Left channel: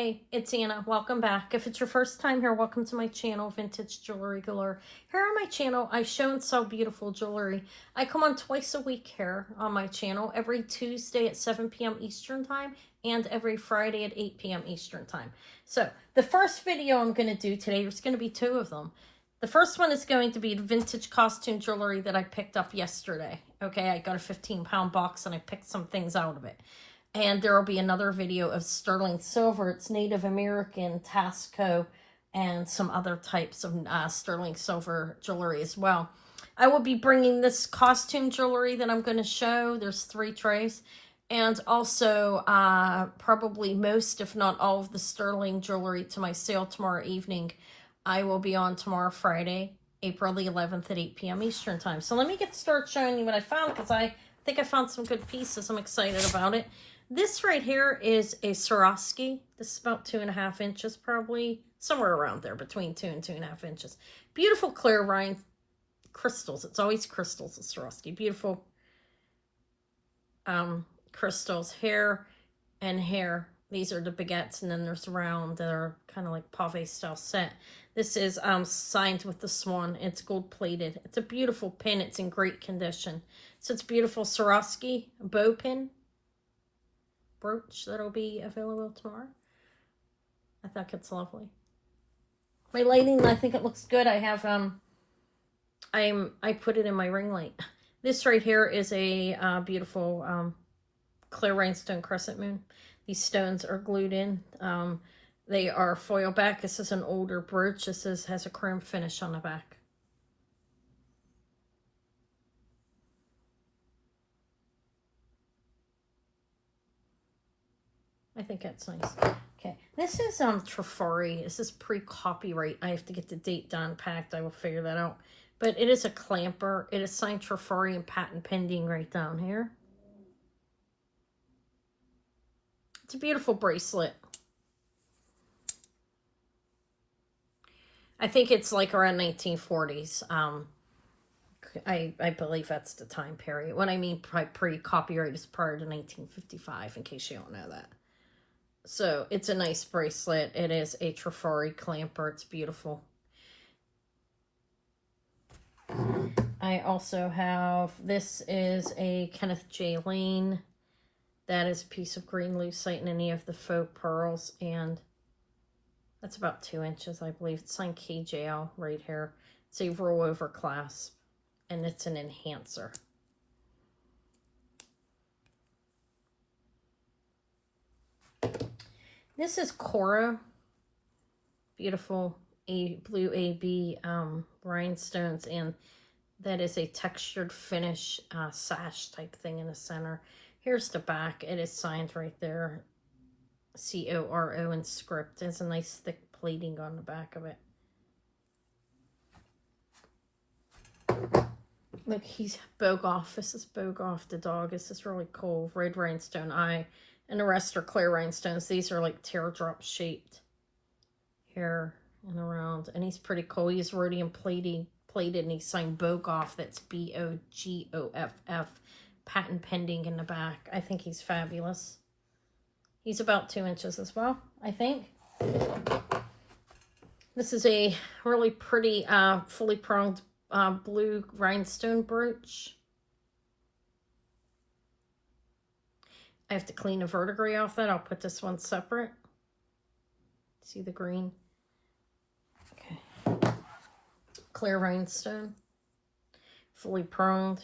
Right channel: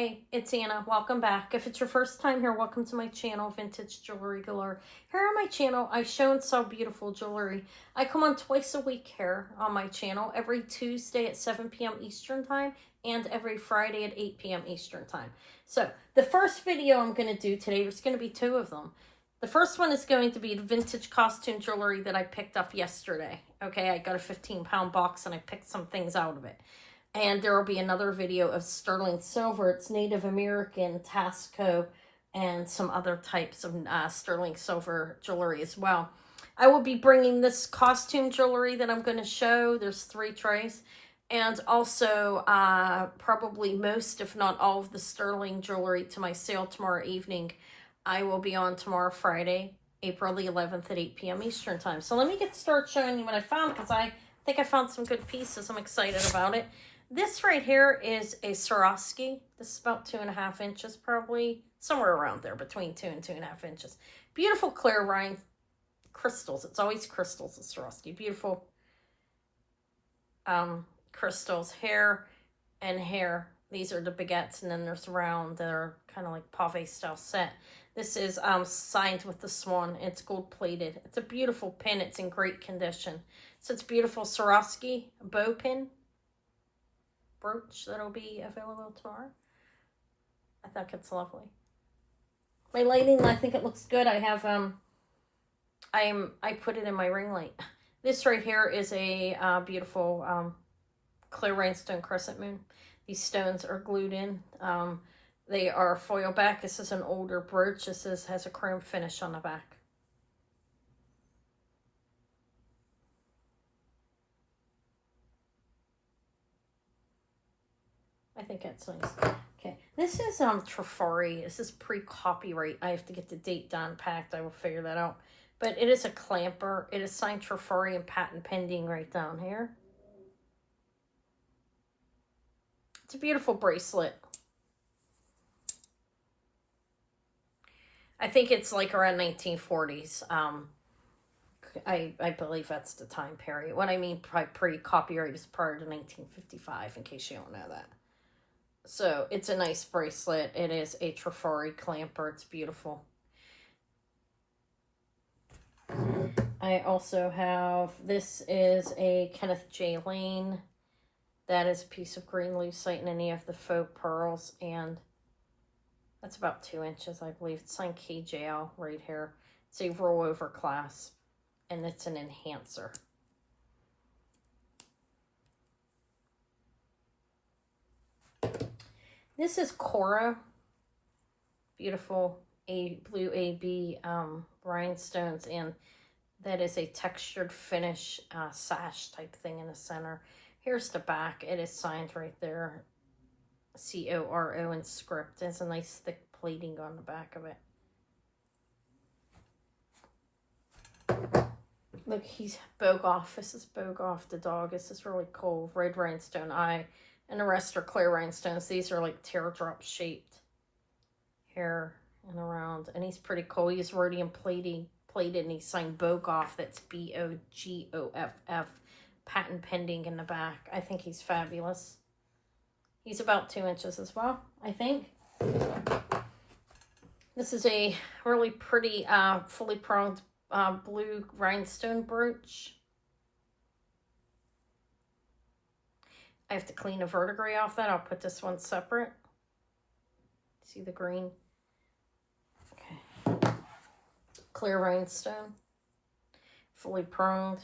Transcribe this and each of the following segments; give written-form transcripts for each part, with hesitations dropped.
Hey, it's Anna. Welcome back. If it's your first time here, welcome to my channel, Vintage Jewelry Galore. Here on my channel, I show and sell beautiful jewelry. I come on twice a week here on my channel, every Tuesday at 7 p.m. Eastern Time and every Friday at 8 p.m. Eastern Time. So the first video I'm going to do today, there's going to be two of them. The first one is going to be vintage costume jewelry that I picked up yesterday. Okay, I got a 15-pound box and I picked some things out of it. And there will be another video of sterling silver. It's Native American, Tasco, and some other types of sterling silver jewelry as well. I will be bringing this costume jewelry that I'm going to show. There's 3 trays. And also probably most, if not all, of the sterling jewelry to my sale tomorrow evening. I will be on tomorrow, Friday, April the 11th at 8 p.m. Eastern Time. So let me get started showing you what I found, because I think I found some good pieces. I'm excited about it. This right here is a Swarovski. This is about 2.5 inches, probably somewhere around there, between 2 and 2.5 inches. Beautiful clear rhine crystals. It's always crystals at Swarovski. Beautiful crystals, hair and hair. These are the baguettes, and then there's round. They're kind of like pave style set. This is signed with the swan. It's gold plated. It's a beautiful pin. It's in great condition. So it's beautiful Swarovski bow pin brooch that'll be available tomorrow. I think it's lovely. My lighting, I think it looks good. I have I put it in my ring light. This right here is a beautiful clear rhinestone crescent moon. These stones are glued in. They are foil back. This is an older brooch. This has a chrome finish on the back. I think that's nice. Okay, this is Trifari. This is pre-copyright. I have to get the date down packed. I will figure that out. But it is a clamper. It is signed Trifari and patent pending right down here. It's a beautiful bracelet. I think it's like around 1940s. I believe that's the time period. What I mean pre-copyright is prior to 1955, in case you don't know that. So it's a nice bracelet. It is a Trifari clamper. It's beautiful. I also have, this is a Kenneth J. Lane. That is a piece of green lucite and any of the faux pearls. And that's about 2 inches, I believe. It's signed KJL right here. It's a rollover clasp. And it's an enhancer. This is Cora, beautiful blue AB rhinestones, and that is a textured finish sash type thing in the center. Here's the back. It is signed right there, C-O-R-O in script. There's a nice thick plating on the back of it. Look, he's Bogoff. This is Bogoff the dog. This is really cool. Red rhinestone eye. And the rest are clear rhinestones. These are like teardrop shaped here and around. And he's pretty cool. He's rhodium plated, and he's signed Bogoff. That's B-O-G-O-F-F. Patent pending in the back. I think he's fabulous. He's about 2 inches as well, I think. This is a really pretty fully pronged blue rhinestone brooch. I have to clean a verdigris off that. I'll put this one separate. See the green? Okay. Clear rhinestone. Fully pronged.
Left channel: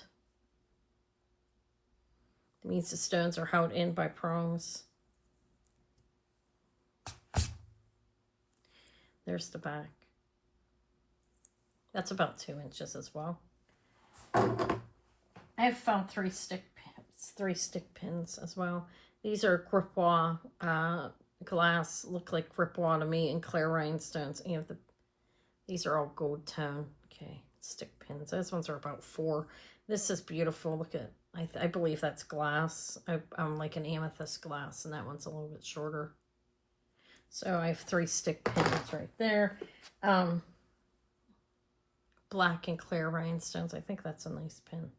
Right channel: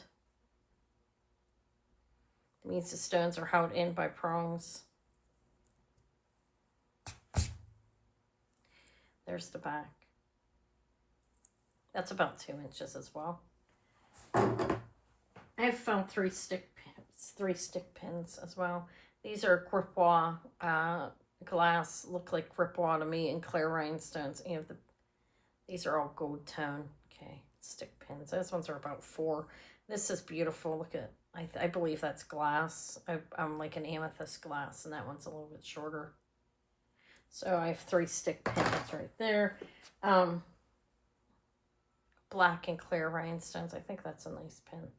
It means the stones are held in by prongs. There's the back. That's about 2 inches as well. I have found 3 stick pins as well. These are gripois glass, look like gripois to me, and clear rhinestones. And these are all gold tone. Okay, stick pins. Those ones are about 4. This is beautiful. Look at, I believe that's glass. I'm like an amethyst glass, and that one's a little bit shorter. So I have 3 stick pins right there. Black and clear rhinestones. I think that's a nice pin.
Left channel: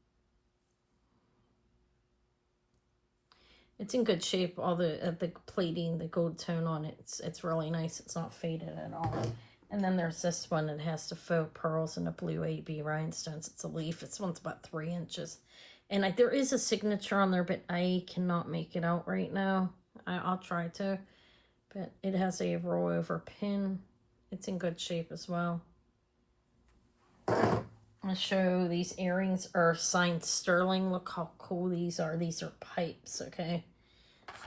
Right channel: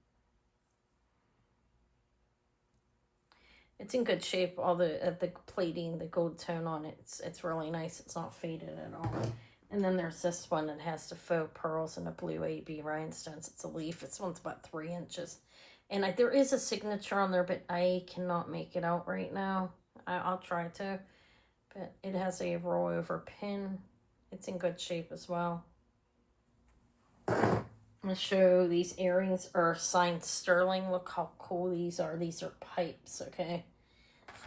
It's in good shape. All the plating, the gold tone on it, it's really nice. It's not faded at all. And then there's this one that has the faux pearls and the blue AB rhinestones. It's a leaf. This one's about 3 inches. And there is a signature on there, but I cannot make it out right now. I'll try to. But it has a rollover pin. It's in good shape as well. I'm going to show these earrings are signed sterling. Look how cool these are. These are pipes, okay?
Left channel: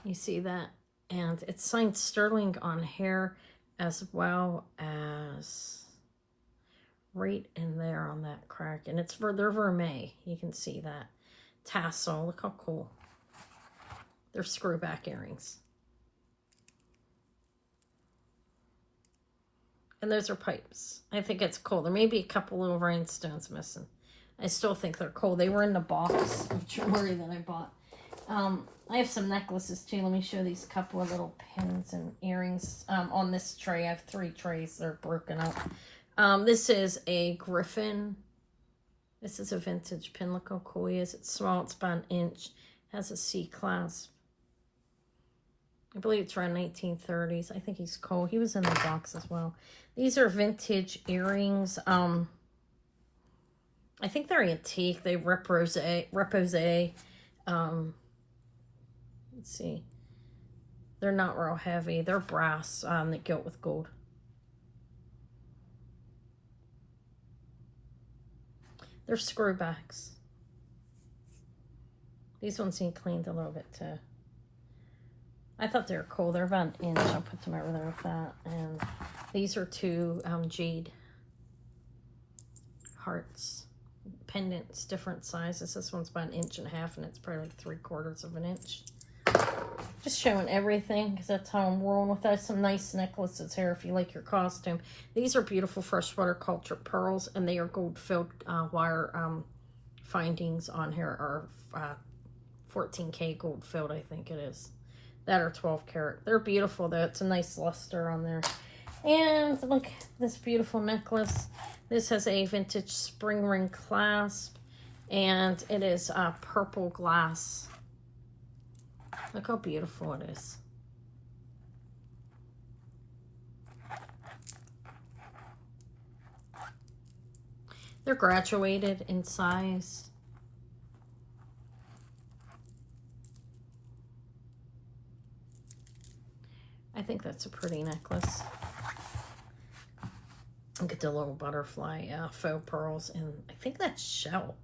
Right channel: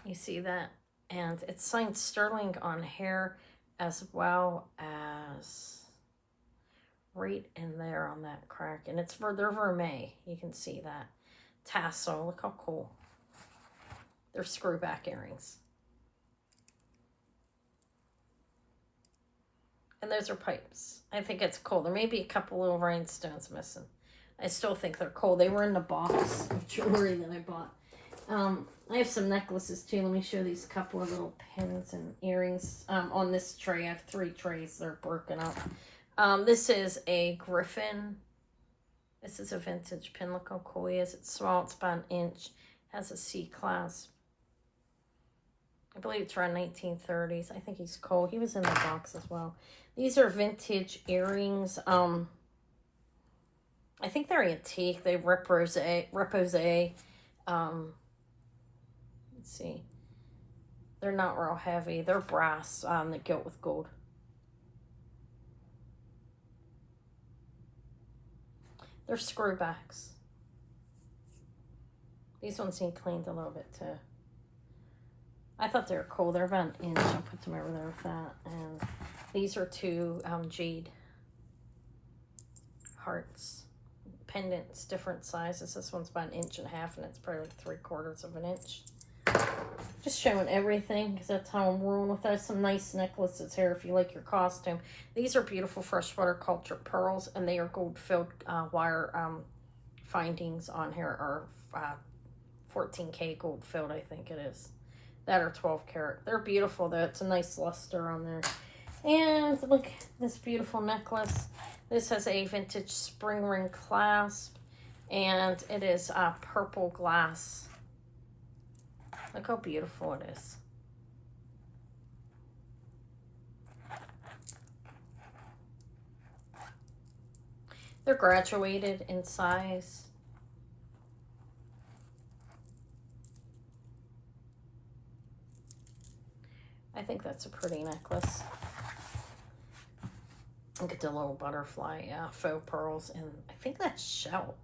You see that? And it's signed sterling on here as well as right in there on that crack. And it's for their vermeil. You can see that. Tassel. Look how cool. They're screw back earrings. And those are pipes. I think it's cool. There may be a couple little rhinestones missing. I still think they're cool. They were in the box of jewelry that I bought. I have some necklaces too. Let me show these couple of little pins and earrings. On this tray, I have 3 trays. They're broken up. This is a Griffin. This is a vintage pin. Look how cool he is. It's small. It's about 1 inch. Has a C clasp. I believe it's around 1930s. I think he's cool. He was in the box as well. These are vintage earrings. I think they're antique. They repose. Let's see. They're not real heavy. They're brass that go with gold. They're screwbacks. These ones need cleaned a little bit too. I thought they were cool. They're about 1 inch. I'll put them over there with that. And these are 2 jade hearts. Pendants, different sizes. This one's about 1.5 inches, and it's probably 3/4 of an inch. Just showing everything, because that's how I'm rolling with that. Some nice necklaces here if you like your costume. These are beautiful freshwater cultured pearls, and they are gold-filled wire findings on here are 14K gold-filled, I think it is. That are 12 karat. They're beautiful though. It's a nice luster on there. And look, this beautiful necklace. This has a vintage spring ring clasp, and it is purple glass. Look how beautiful it is. They're graduated in size. I think that's a pretty necklace. Look at the little butterfly faux pearls, and I think that's shell.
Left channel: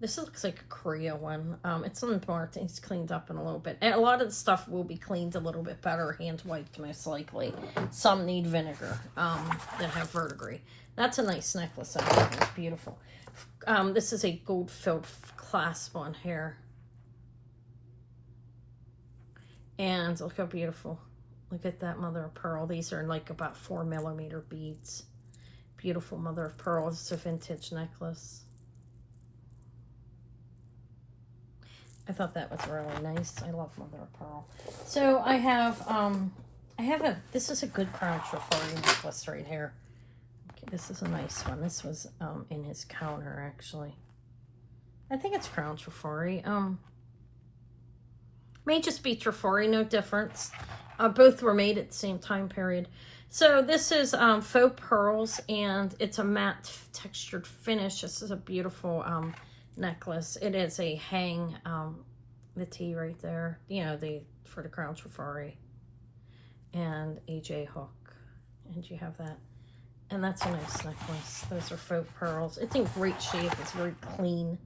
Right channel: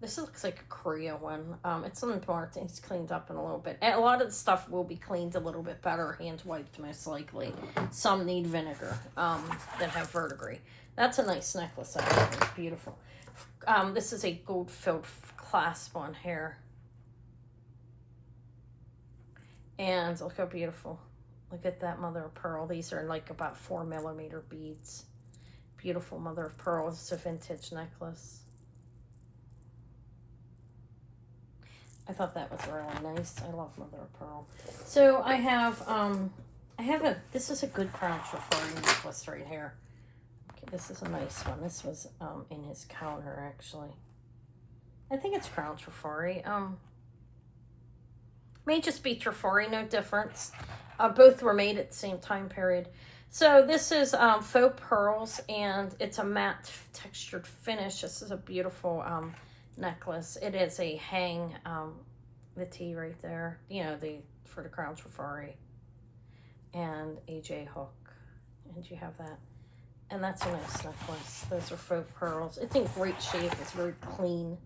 This looks like a Korea one. It's important. It's cleaned up in a little bit. And a lot of the stuff will be cleaned a little bit better, hand wiped most likely. Some need vinegar that have verdigris. That's a nice necklace. It's beautiful. This is a gold-filled clasp on here. And look how beautiful. Look at that mother of pearl. These are like about 4mm beads. Beautiful mother of pearl. It's a vintage necklace. I thought that was really nice. I love mother of pearl. So I have this is a good crown Trifari necklace right here. Okay, this is a nice one. This was in his counter actually. I think it's crown Trifari. May just be Trifari, no difference. Both were made at the same time period. So this is faux pearls, and it's a matte textured finish. This is a beautiful necklace. It is a hang, the T right there, you know, for the crown Trifari, and a J hook, and you have that. And that's a nice necklace. Those are faux pearls. It's in great shape. It's very clean.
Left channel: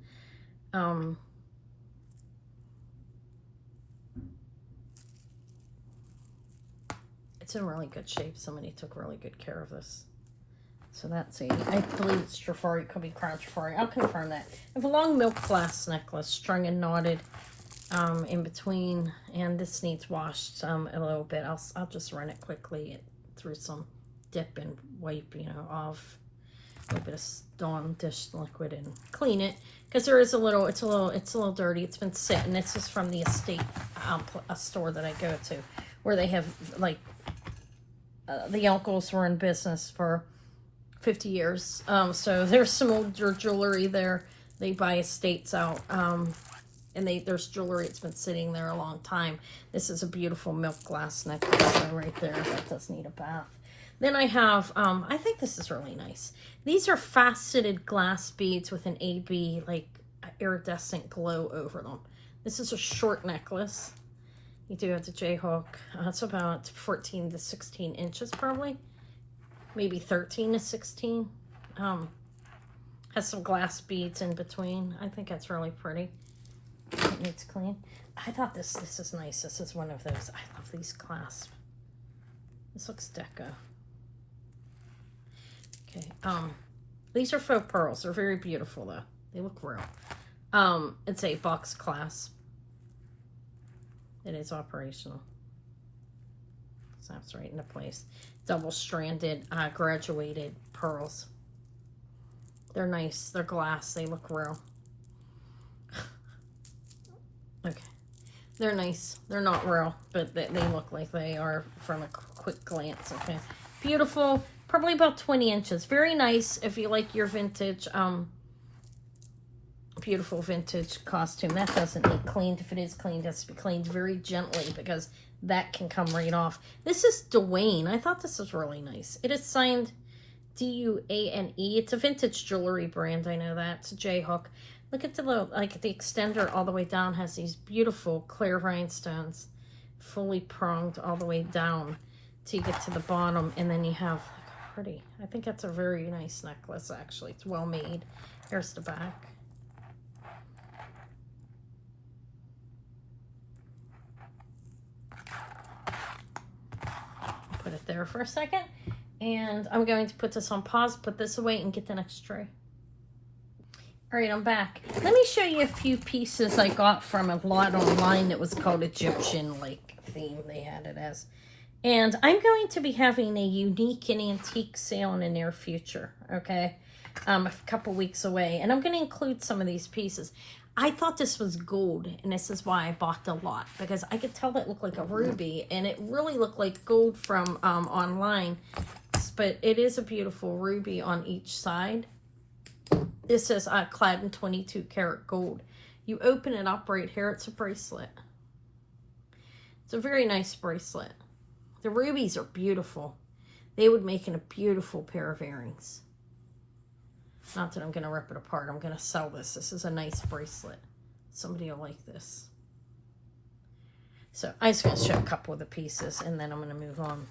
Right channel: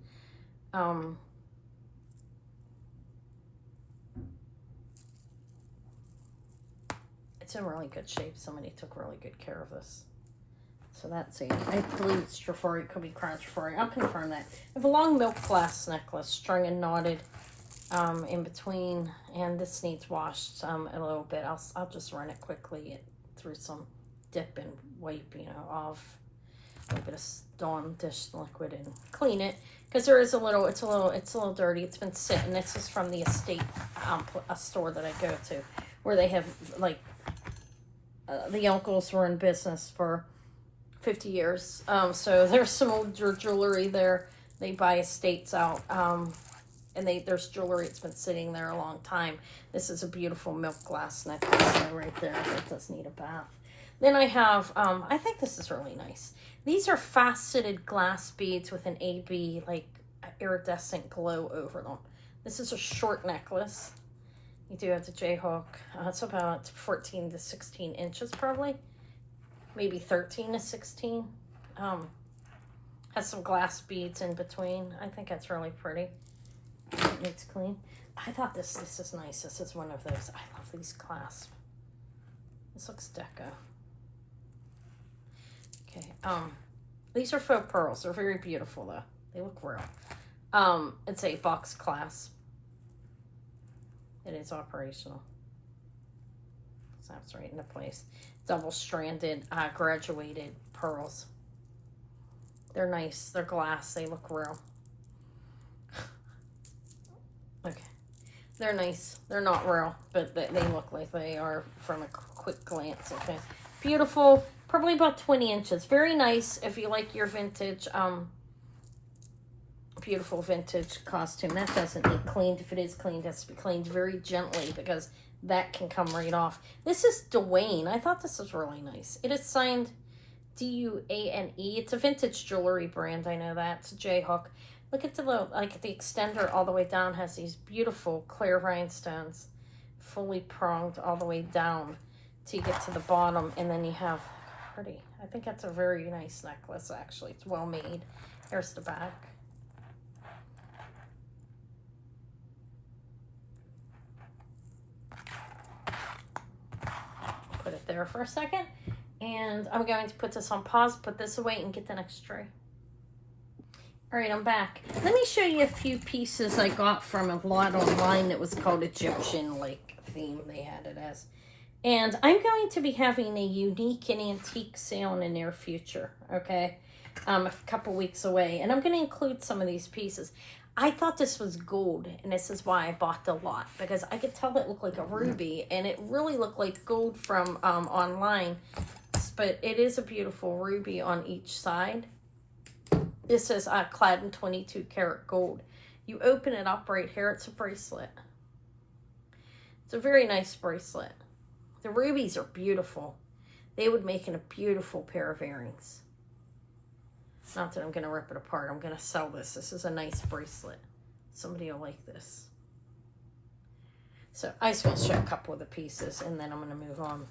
It's in really good shape. Somebody took really good care of this. So that's it. I believe it's Trifari. It could be crown Trifari. I'll confirm that. I have a long milk glass necklace, strung and knotted in between, and this needs washed a little bit. I'll just run it quickly through some dip and wipe, you know, off a bit of Dawn dish liquid and clean it, because there is it's a little dirty. It's been sitting. This is from the estate a store that I go to, where they have like the uncles were in business for 50 years. So there's some older jewelry there. They buy estates out. And there's jewelry that's been sitting there a long time. This is a beautiful milk glass necklace right there that does need a bath. Then I have, I think this is really nice. These are faceted glass beads with an AB, like, iridescent glow over them. This is a short necklace. You do have the J-hook. It's about 14 to 16 inches probably. Maybe 13 to 16. Has some glass beads in between. I think that's really pretty. It's clean. I thought this is nice. This is one of those. I love these clasps. This looks deco. Okay. These are faux pearls. They're very beautiful though. They look real. It's a box clasp. It is operational. Snaps right into place. Double-stranded, graduated pearls. They're nice. They're glass. They look real. Okay. They're nice. They're not real, but they look like they are from a quick glance. Okay. Beautiful. Probably about 20 inches. Very nice if you like your vintage, beautiful vintage costume. That doesn't need cleaned. If it is cleaned, it has to be cleaned very gently because that can come right off. This is Dwayne. I thought this was really nice. It is signed D-U-A-N-E. It's a vintage jewelry brand. I know that. It's a J-hook. Look at the little, like the extender all the way down has these beautiful clear rhinestones, fully pronged all the way down till you get to the bottom, and then you have pretty. I think that's a very nice necklace. Actually, it's well made. Here's the back. Put it there for a second, and I'm going to put this on pause, put this away, and get the next tray. All right, I'm back. Let me show you a few pieces I got from a lot online that was called Egyptian, like, theme they had it as. And I'm going to be having a unique and antique sale in the near future, okay? A couple weeks away. And I'm going to include some of these pieces. I thought this was gold, and this is why I bought the lot, because I could tell it looked like a ruby, and it really looked like gold from online. But it is a beautiful ruby on each side. This says clad in 22 karat gold. You open it up right here. It's a bracelet. It's a very nice bracelet. The rubies are beautiful. They would make a beautiful pair of earrings. Not that I'm going to rip it apart. I'm going to sell this. This is a nice bracelet. Somebody will like this. So I just going to show a couple of the pieces, and then I'm going to move on.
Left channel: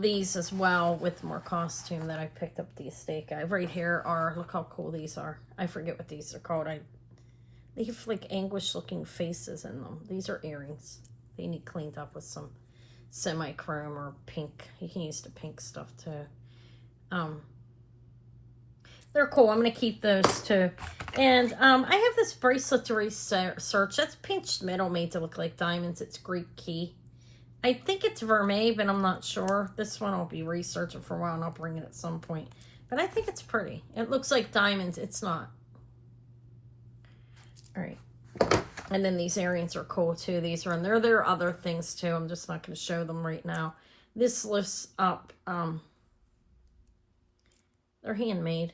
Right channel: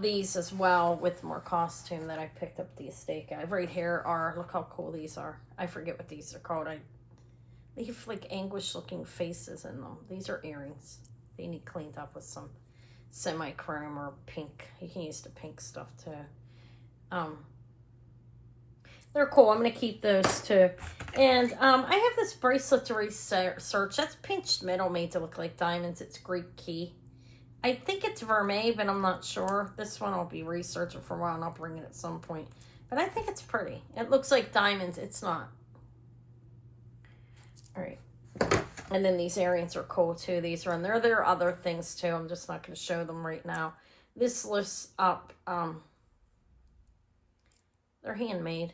These as well with more costume that I picked up at the estate guy. Right here are, look how cool these are. I forget what these are called. They have like anguish looking faces in them. These are earrings. They need cleaned up with some semi-chrome or pink. You can use the pink stuff too. They're cool. I'm going to keep those too. And I have this bracelet to research. That's pinched metal made to look like diamonds. It's Greek key. I think it's vermeil, but I'm not sure. This one I'll be researching for a while, and I'll bring it at some point. But I think it's pretty. It looks like diamonds. It's not. All right. And then these earrings are cool, too. These are in there. There are other things, too. I'm just not going to show them right now. This lifts up. They're handmade.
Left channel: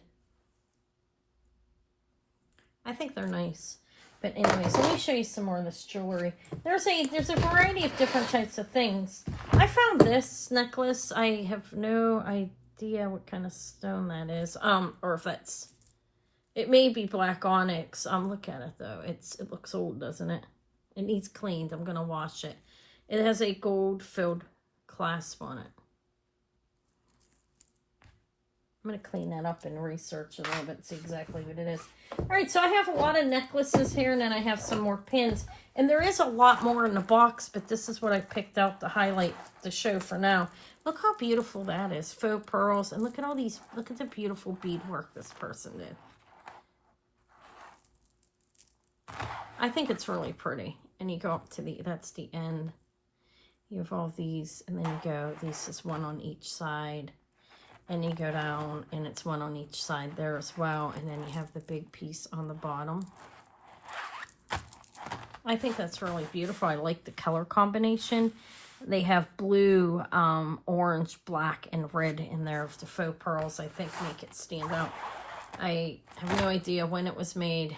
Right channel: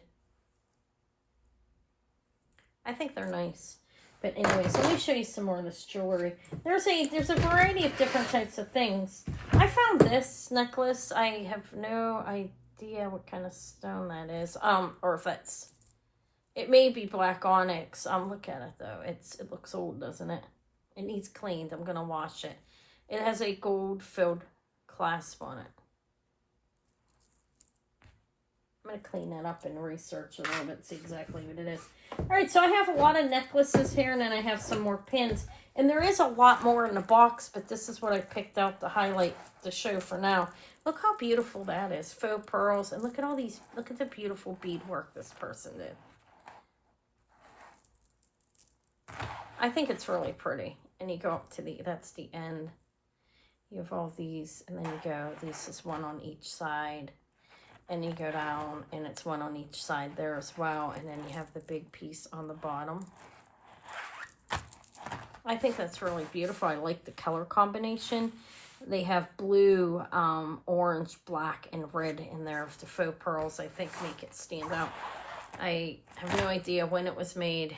I think they're nice. But anyways, let me show you some more of this jewelry. There's a variety of different types of things. I found this necklace. I have no idea what kind of stone that is. Or if that's, it may be black onyx. Look at it though. It looks old, doesn't it? It needs cleaned. I'm gonna wash it. It has a gold filled clasp on it. I'm going to clean that up and research a little bit, see exactly what it is. All right, so I have a lot of necklaces here, and then I have some more pins. And there is a lot more in the box, but this is what I picked out to highlight the show for now. Look how beautiful that is. Faux pearls. And look at all these, look at the beautiful beadwork this person did. I think it's really pretty. And you go up to that's the end. You have all these, and then you go, this is one on each side. And you go down, and it's one on each side there as well. And then you have the big piece on the bottom. I think that's really beautiful. I like the color combination. They have blue, orange, black, and red in there. The faux pearls, I think, make it stand out. I have no idea when it was made.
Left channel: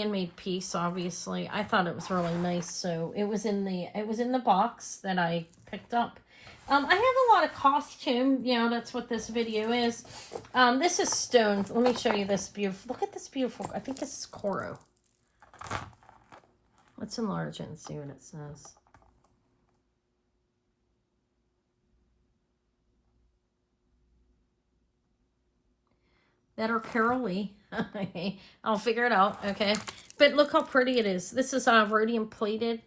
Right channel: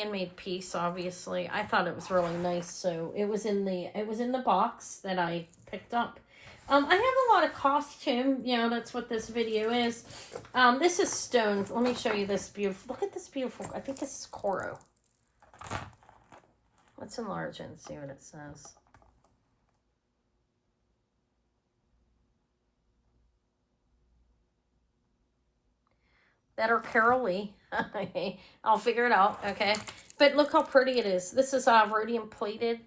handmade piece, obviously. I thought it was really nice, so it was in the box that I picked up. I have a lot of costume. That's what this video is. This is stone. Let me show you this beautiful. Look at this beautiful. I think this is coral. Let's enlarge it and see what it says. That are Carol Lee. I'll figure it out, okay? But look how pretty it is. This is rhodium plated.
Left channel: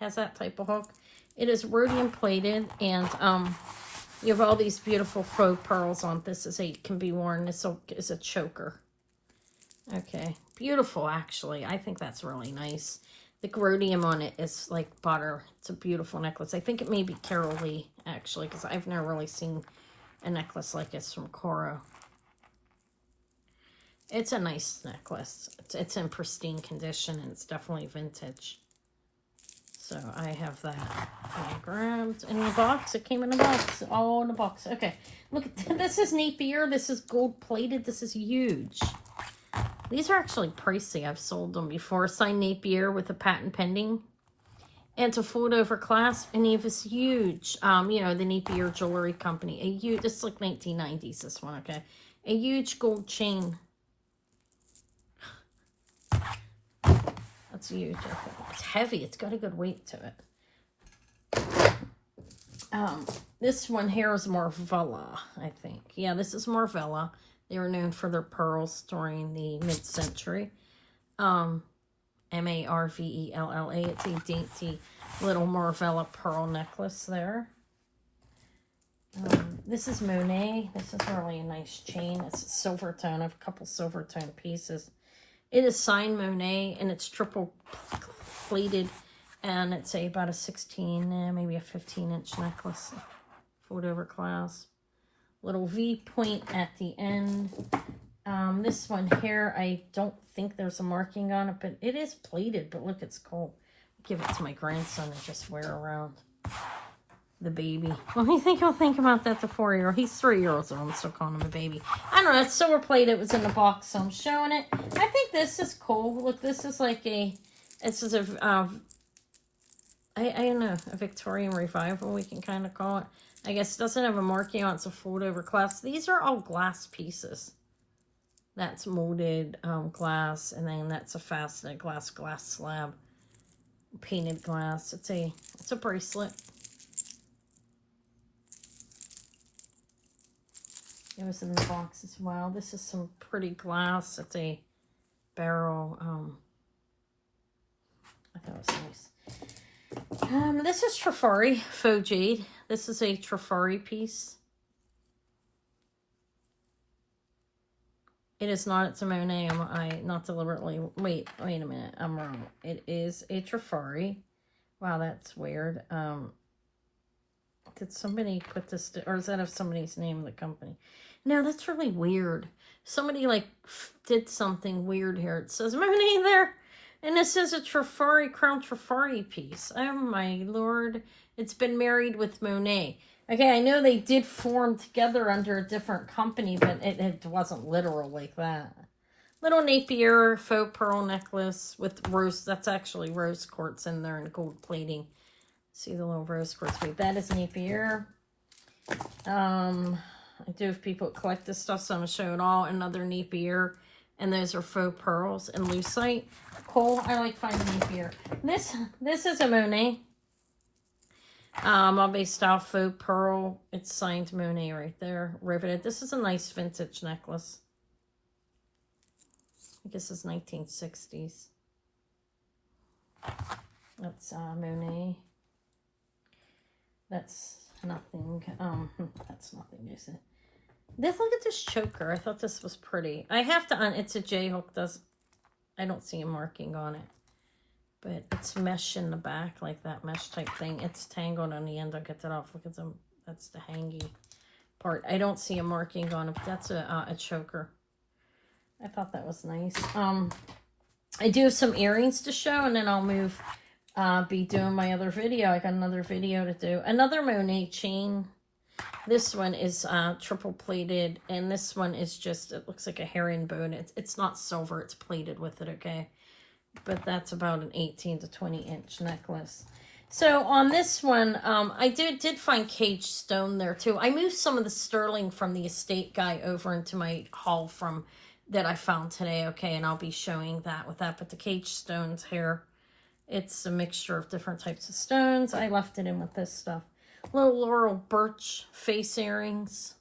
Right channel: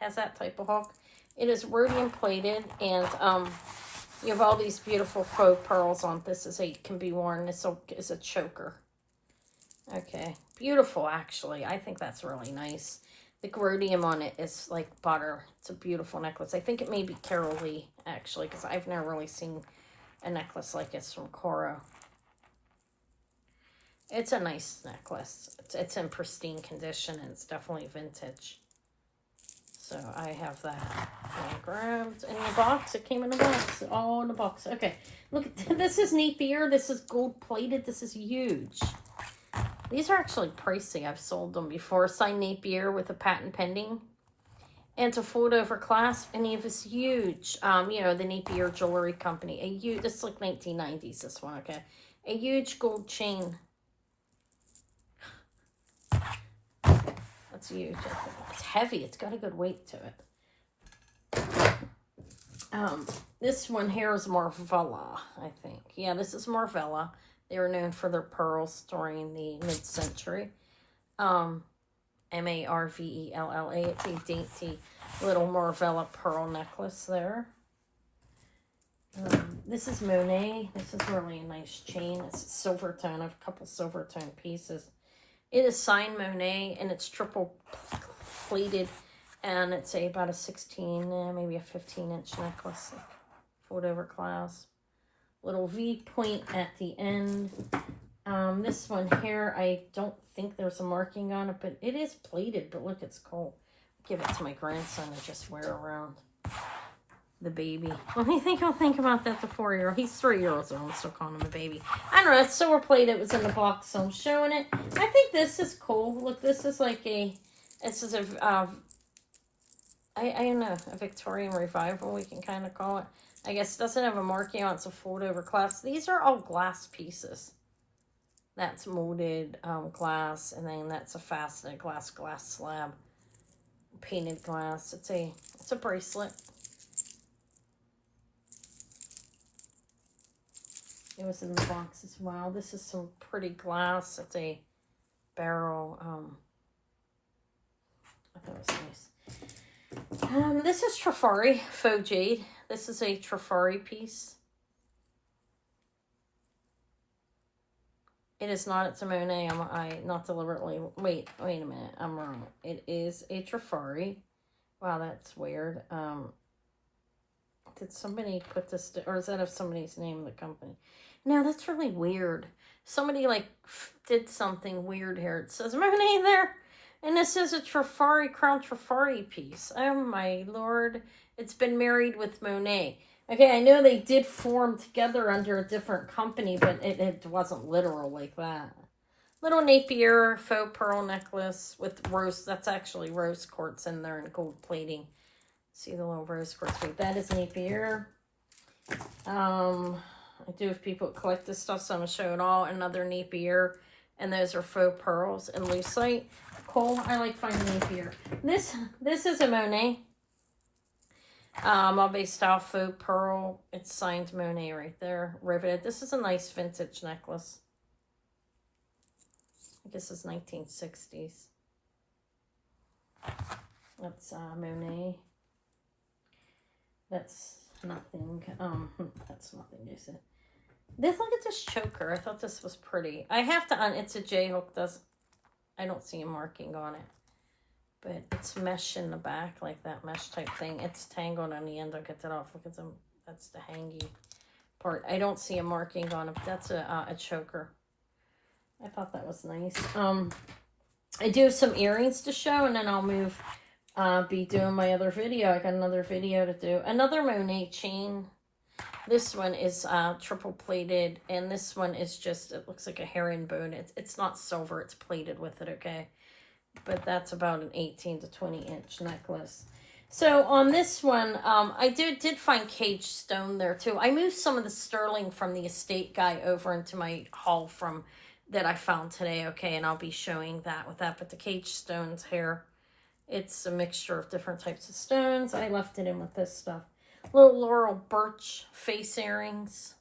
Has that type of hook. It is rhodium plated, and you have all these beautiful faux pearls on this. Can be worn. This is a choker. Okay, beautiful actually. I think that's really nice. The rhodium on it is like butter. It's a beautiful necklace. I think it may be Carol Lee actually, because I've never really seen a necklace like this from Coro. It's a nice necklace. It's in pristine condition, and it's definitely vintage. So I have that grabbed in the box. It came in the box. Oh, in the box. Okay. Look, this is Napier. This is gold plated. This is huge. These are actually pricey. I've sold them before. Signed Napier with a patent pending. And it's a fold over clasp. And he have this huge, the Napier Jewelry Company. This is like 1990s, this one, okay? A huge gold chain. That's huge. It's heavy. It's got a good weight to it. This one here is Marvella, I think. Yeah, this is Marvella. They were known for their pearls during the mid-century. M-A-R-V-E-L-L-A. It's a dainty little Marvella pearl necklace there. This is Monet. This is really a nice chain. It's silver tone. I have a couple silver tone pieces. It is signed Monet, and it's triple pleated, and it's about a 16, maybe a 15-inch necklace. Fold over clasp. Little V point at the end. This one here, I don't think there's a marking on it, but it is plated, but look, it's cool. I'll give it to my grandson to just wear around. The baby. What do you think he'll think about that, the 4-year-old? He's 3 years old. I'm still calling him a baby. I don't know. It's silver plated. It was in the box, so I'm showing it. I think this is cool. Look, this is like I don't know, a Victorian revival, we can kind of call it. I guess it doesn't have a marking on it. It's a fold over clasp. These are all glass pieces. That's molded glass, and then that's a faceted glass slab. Painted glass. It's a bracelet. It was in the box as well. This is some pretty glass. It's a barrel. I thought it was nice. This is Trifari faux jade. This is a Trifari piece. It is not. It's a Monet. I not deliberately. Wait a minute. I'm wrong. It is a Trifari. Wow, that's weird. Did somebody put this, or is that of somebody's name in the company? No, that's really weird. Somebody did something weird here. It says Monet there, and this is a Trifari, Crown Trifari piece. Oh my lord. It's been married with Monet. Okay, I know they did form together under a different company, but it wasn't literal like that. Little Napier faux pearl necklace with rose. That's actually rose quartz in there and gold plating. See the little rose quartz. Wait, that is Napier. I do have people that collect this stuff, so I'm going to show it all. Another Napier. And those are faux pearls and lucite. Cool. I like finding Napier. This is a Monet. Bombay style faux pearl. It's signed Monet right there. Riveted. This is a nice vintage necklace. I guess it's 1960s. That's Monet. That's nothing. That's nothing, is it? Look at this choker. I thought this was pretty. I have to it's a J-hook. I don't see a marking on it. But it's mesh in the back, like that mesh type thing. It's tangled on the end. I'll get that off. Look at them. That's the hangy part. I don't see a marking on it, but that's a choker. I thought that was nice. I do have some earrings to show, and then I'll move, be doing my other video. I got another video to do. Another Monet chain. This one is triple plated, and this one is just, it looks like a herringbone. It's not silver, it's plated with it, okay? but that's about an 18 to 20 inch necklace. So on this one, I did find cage stone there too. I moved some of the sterling from the estate guy over into my haul from that I found today. Okay, and I'll be showing that with that. But the cage stones here, it's a mixture of different types of stones. I left it in with this stuff. Little Laurel Birch face earrings.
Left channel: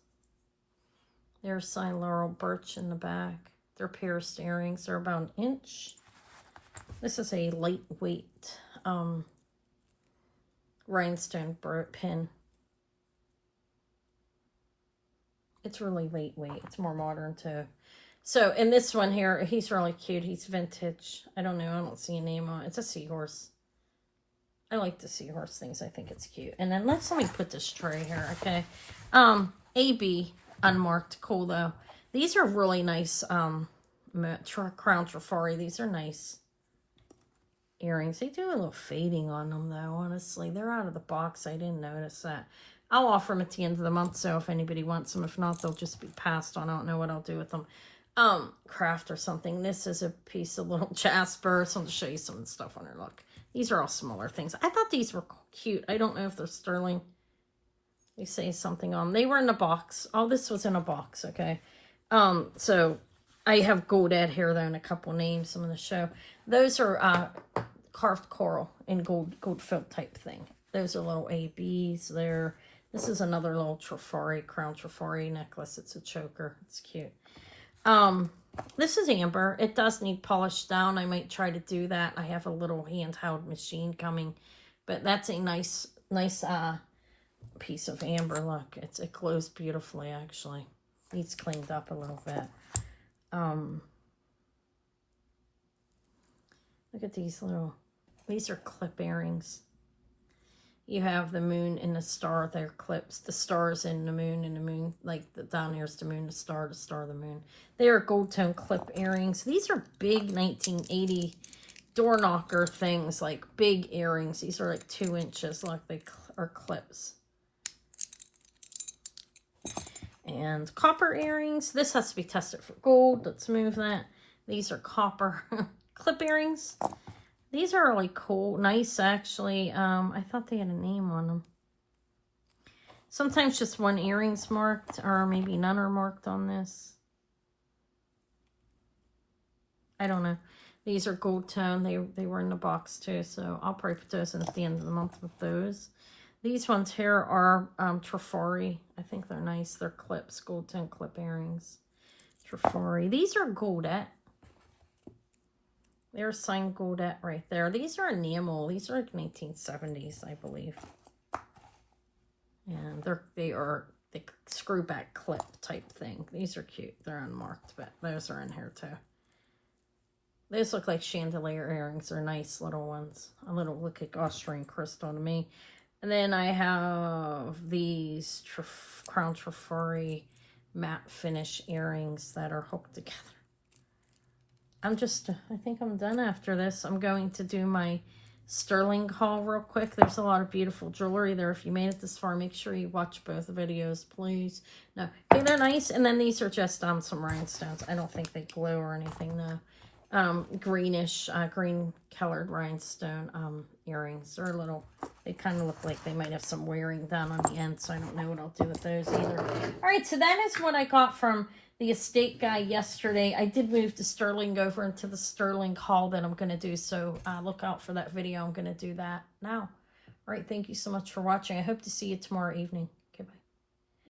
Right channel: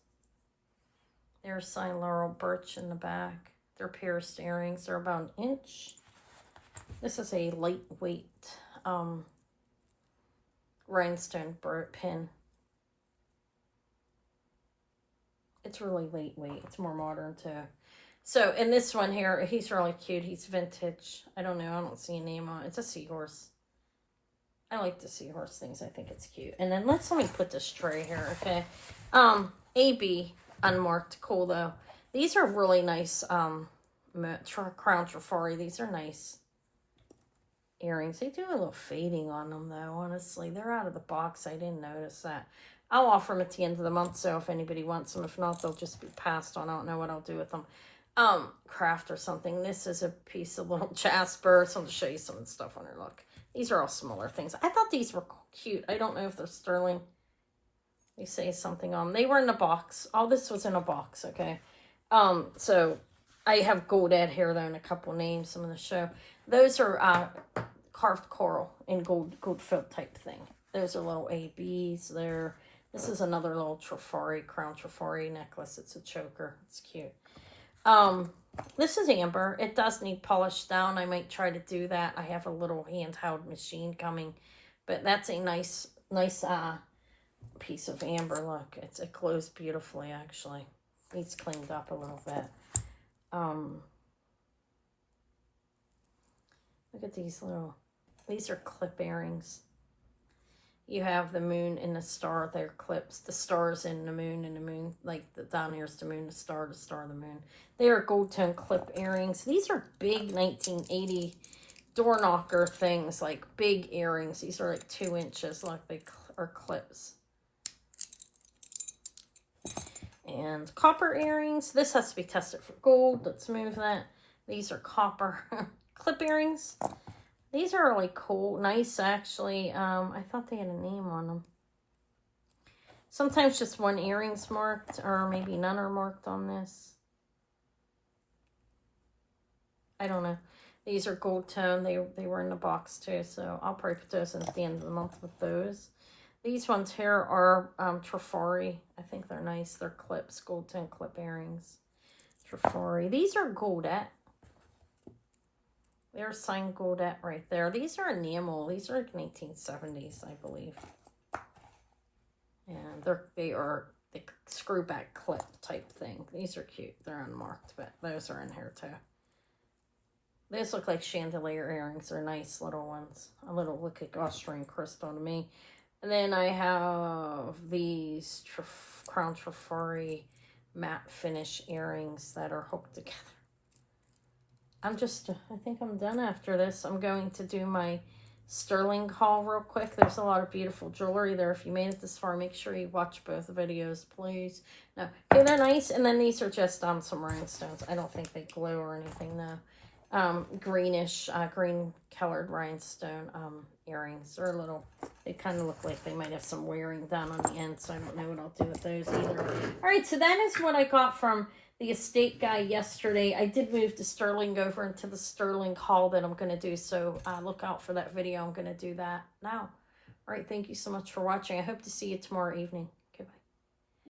There's signed Laurel Birch in the back. They're pierced earrings. They're about an inch. This is a lightweight rhinestone pin. It's really lightweight. It's more modern too. So in this one here, he's really cute. He's vintage. I don't know. I don't see a name on it. It's a seahorse. I like the seahorse things. I think it's cute. And then let me put this tray here. Okay. AB unmarked. Cool though. These are really nice. Crown Trifari. These are nice earrings. They do a little fading on them though, honestly. They're out of the box. I didn't notice that. I'll offer them at the end of the month, so if anybody wants them. If not, they'll just be passed on. I don't know what I'll do with them. Craft or something. This is a piece of little jasper. So I'm going to show you some of the stuff on her. Look. These are all smaller things. I thought these were cute. I don't know if they're sterling. Let me say something on them. They were in a box. All this was in a box, okay? So I have gold ed here though and a couple names I'm going to show. Those are carved coral in gold filled type thing. Those are little ABs there. This is another little Trifari, crown Trifari necklace. It's a choker. It's cute. This is amber. It does need polished down. I might try to do that. I have a little handheld machine coming, but that's a nice piece of amber. Look, it glows beautifully actually. Needs cleaned up a little bit. Look at these are clip earrings. You have the moon and the star. They're clips. The star's in the moon, and the moon, like down here's the moon, the star, the moon. They are gold tone clip earrings. These are big 1980 door knocker things, like big earrings. These are like 2 inches. Look, they are clips. And copper earrings. This has to be tested for gold. Let's move that. These are copper clip earrings. These are really cool, nice actually. I thought they had a name on them. Sometimes just one earring's marked, or maybe none are marked on this. I don't know. These are gold tone. They were in the box too, so I'll probably put those in at the end of the month with those. These ones here are Trifari. I think they're nice. They're clips, gold tone clip earrings. Trifari. These are goldette. There's signed goldette right there. These are enamel. These are like 1970s, I believe. And they screw back clip type thing. These are cute. They're unmarked, but those are in here too. These look like chandelier earrings. They're nice little ones. A little look like Austrian crystal to me. And then I have these Crown Trifari matte finish earrings that are hooked together. I think I'm done after this. I'm going to do my sterling haul real quick. There's a lot of beautiful jewelry there. If you made it this far, make sure you watch both videos, please. No, okay, they're nice. And then these are just some rhinestones. I don't think they glow or anything, no. Greenish, green colored rhinestone earrings. They're they kind of look like they might have some wearing done on the end, so I don't know what I'll do with those either. All right, so that is what I got from the estate guy yesterday. I did move the sterling over into the sterling haul that I'm going to do, so look out for that video. I'm going to do that now. All right, thank you so much for watching. I hope to see you tomorrow evening.